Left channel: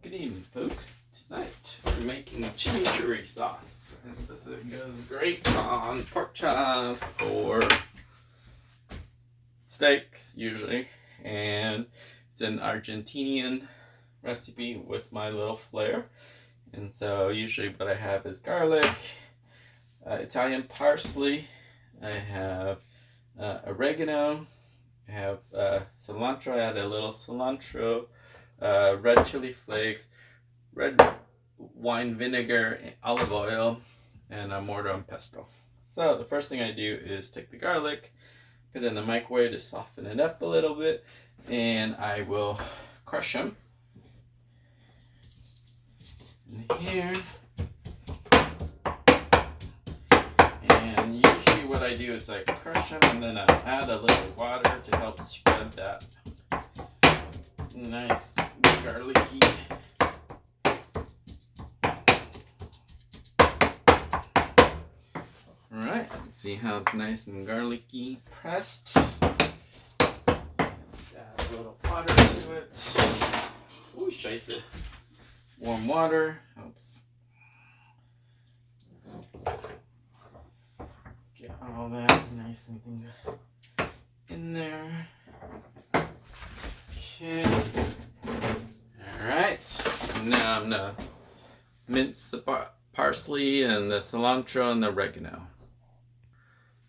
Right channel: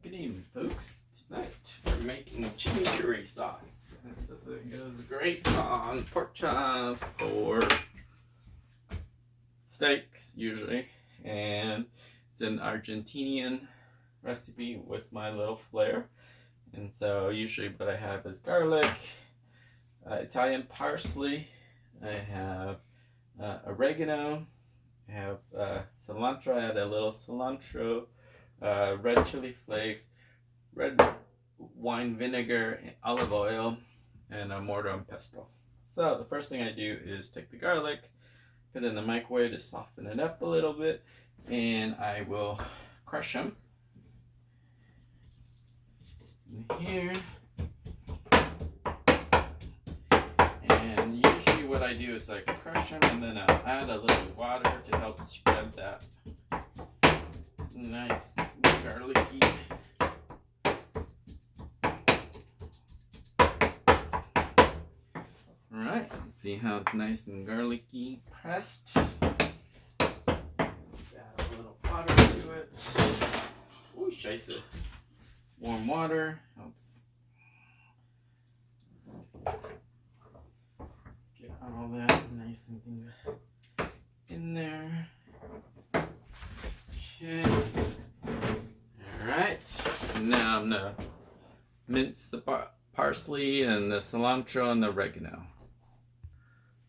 Good evening, folks. Tonight we're making chimichurri sauce. And this goes great on pork chops or steaks, usually. And it's an Argentinian recipe with my little flair. And so usually what I have is garlic, Italian parsley, I have oregano, I have cilantro. I add a little cilantro, red chili flakes, red wine vinegar, olive oil, and a mortar and pestle. So the first thing I do is take the garlic, put it in the microwave to soften it up a little bit, and I will crush them in here. And usually what I do is I crush them and then I add a little water to help spread that nice garlicky. Alright, see how it's nice and garlicky pressed. Let's add a little water to it. Ooh, scheisse. Warm water helps get all that nice and things in there. Okay. Alright. Now I'm gonna mince the parsley and the cilantro and the oregano.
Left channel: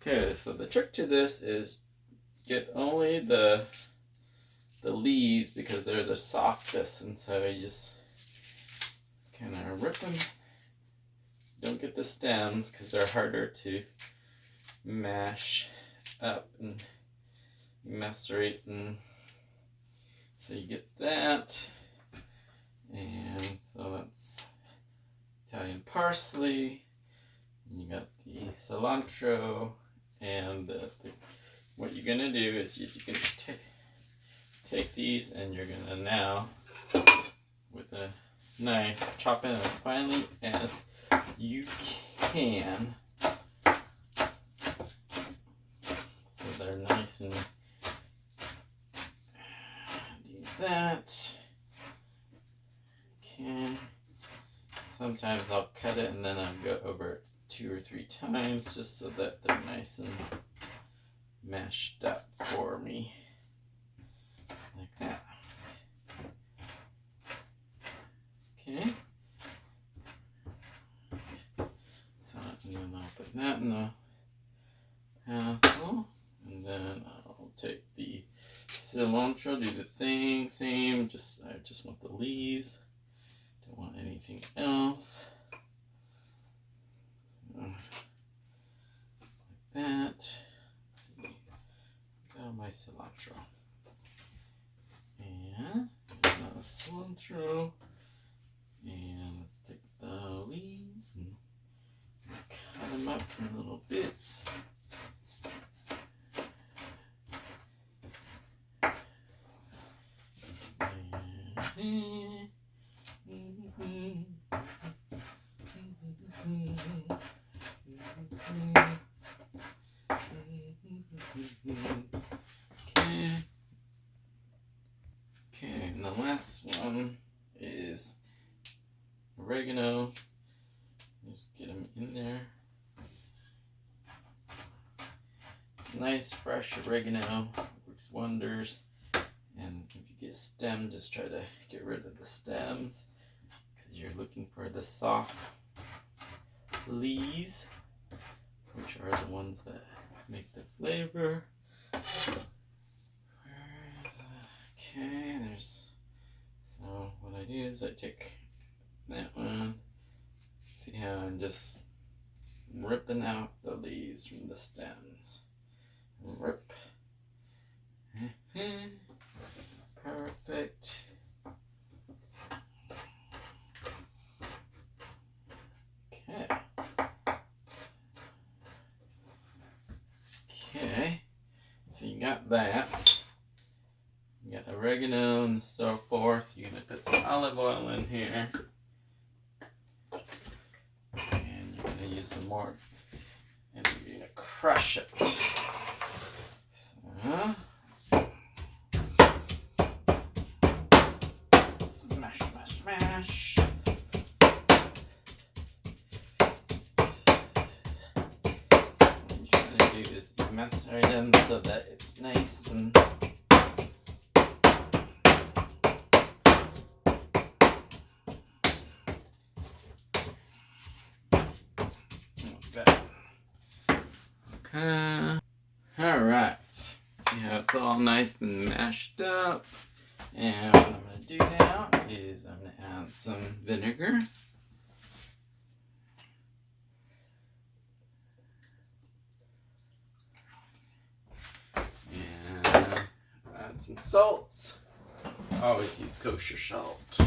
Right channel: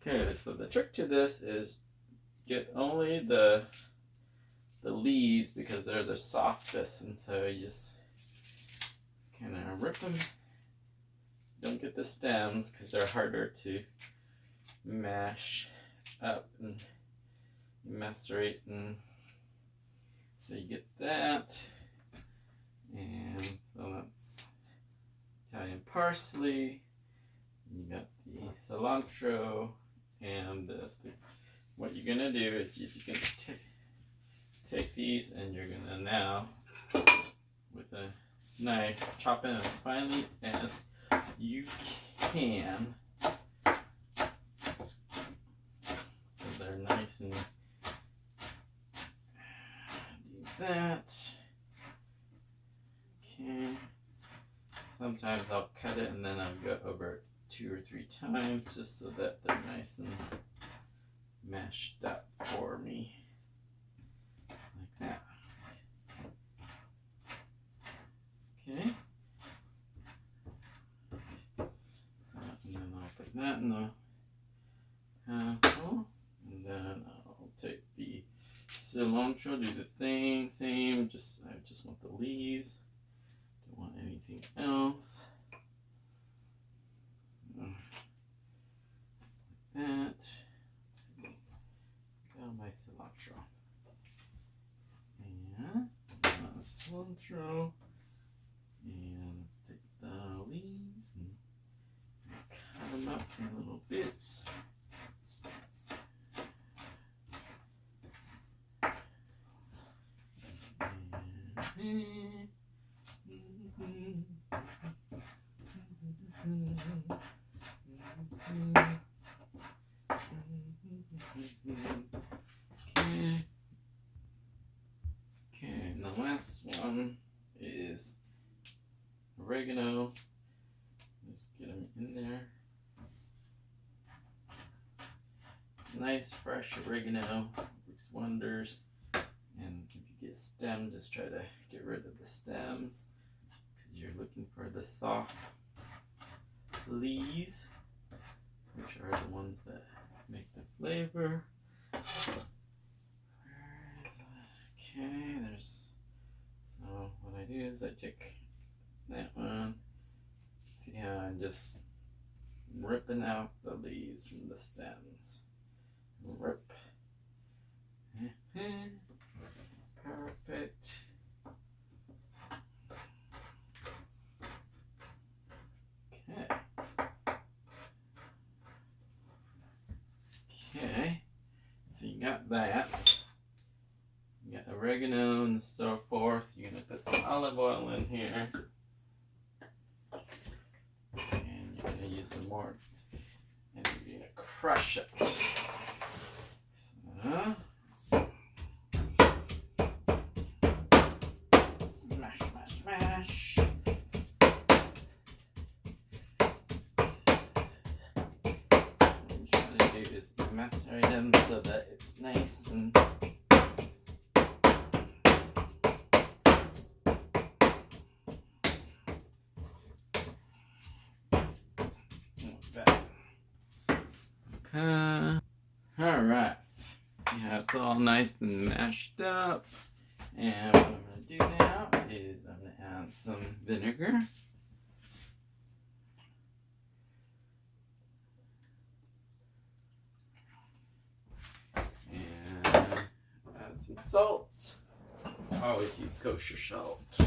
Okay, so the trick to this is get only the leaves because they're the softest, and so you just kind of rip them. Don't get the stems because they're harder to mash up and macerate, and so you get that. And so that's Italian parsley. You got the cilantro, and what you're gonna do is you're gonna take these and you're gonna now with a knife chop it as finely as you can, so they're nice and do that. Okay. Sometimes I'll cut it and then I'll go over it 2 or 3 times just so that they're nice and mashed up for me, like that. Okay. So and then I'll put that in the apple, and then I'll take the cilantro, do the same. I just want the leaves. Don't want anything else. So, like that. Let's see. Got my cilantro. And another cilantro. And let's take the leaves and cut them up in little bits. Okay, and the last one is oregano. Just get them in there. Nice fresh oregano works wonders. And if you get stem, just try to get rid of the stems because you're looking for the soft leaves, which are the ones that make the flavor. Okay, so what I do is I take that one. See how I'm just ripping out the leaves from the stems. Rip. Perfect. Okay. Okay. So you got that. You got oregano and so forth. You're gonna put some olive oil in here. And you're gonna use some more. And you're gonna crush it. So mash. I'm trying to do this maceratum so that it's nice and like that. Okay. Alright. See how it's all nice and mashed up. And what I'm going to do now is I'm going to add some vinegar. And add some salt. I always use kosher salt.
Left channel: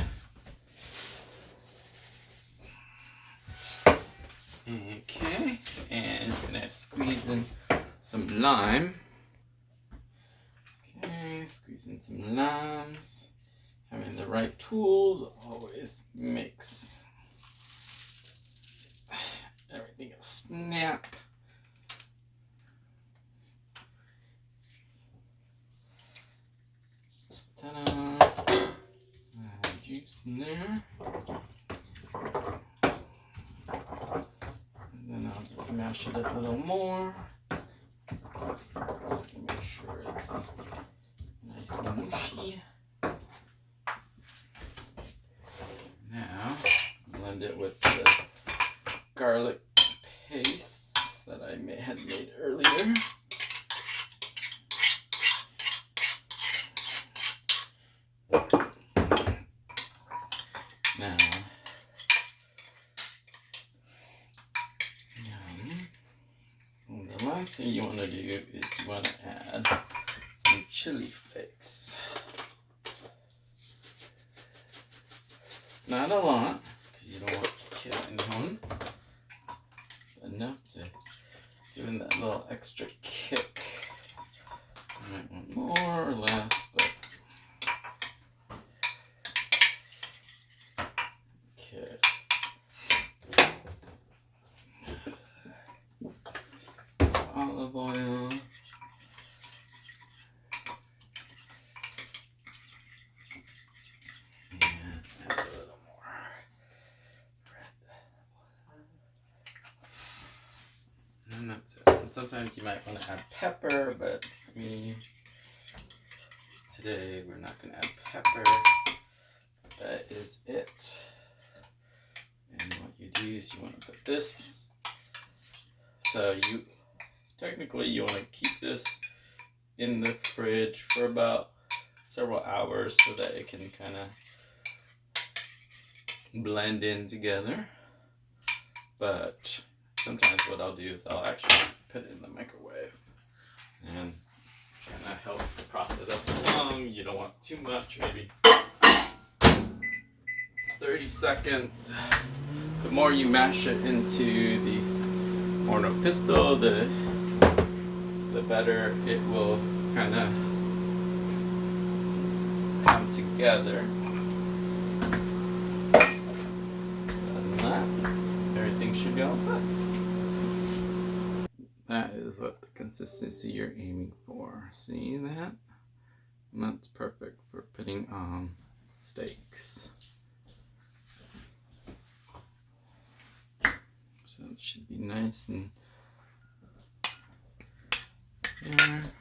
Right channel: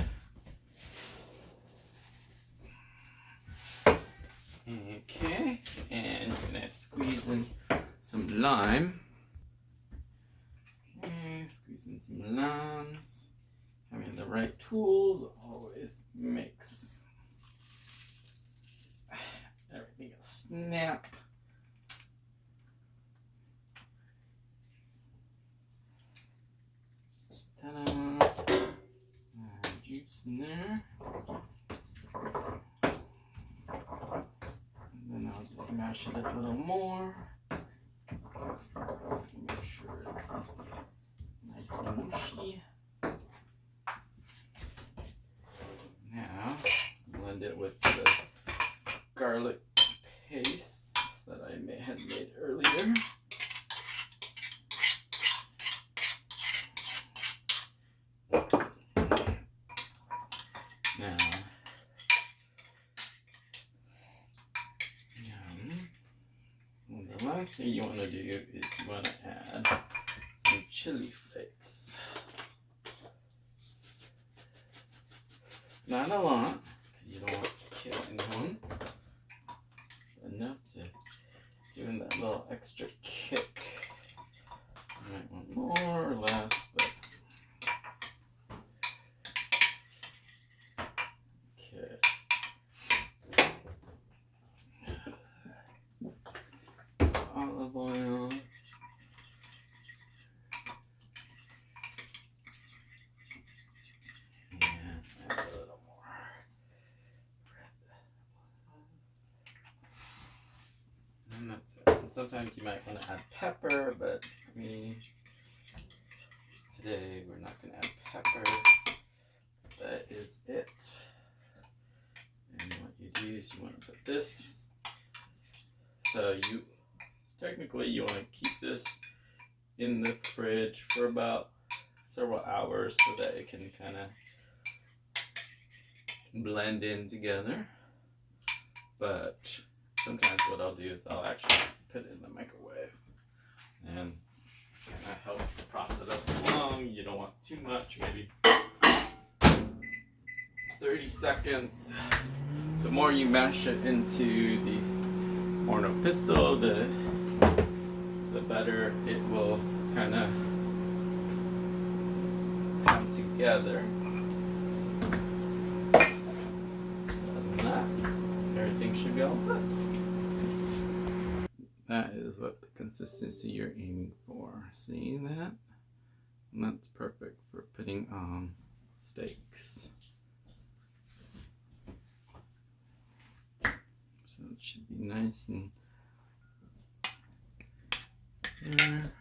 Okay, and I'm going to squeeze in some lime. Okay, squeeze in some limes. Having the right tools always makes everything a snap. Ta-da! Juice in there. And then I'll just mash it a little more. Just to make sure it's nice and mushy. Now, blend it with the garlic paste that I had made earlier. Now, the last thing you want to do is you want to add some chili flakes. Not a lot, because you don't want to kill anyone. Enough to give him that little extra kick. You might want more or less, but okay. Olive oil. And that's it. And sometimes you might want to add pepper, but for me, today we're not going to add pepper. That is it. And what you do is you want to put this. So technically you want to keep this in the fridge for about several hours so that it can kind of blend in together. But sometimes what I'll do is I'll actually put it in the microwave and kind of help the process that's along. You don't want too much, maybe 30 seconds. The more you mash it into the horno pisto, the better it will kind of come together. Other than that, everything should be all set. That is what the consistency you're aiming for. See that? And that's perfect for putting on steaks. So it should be nice and there.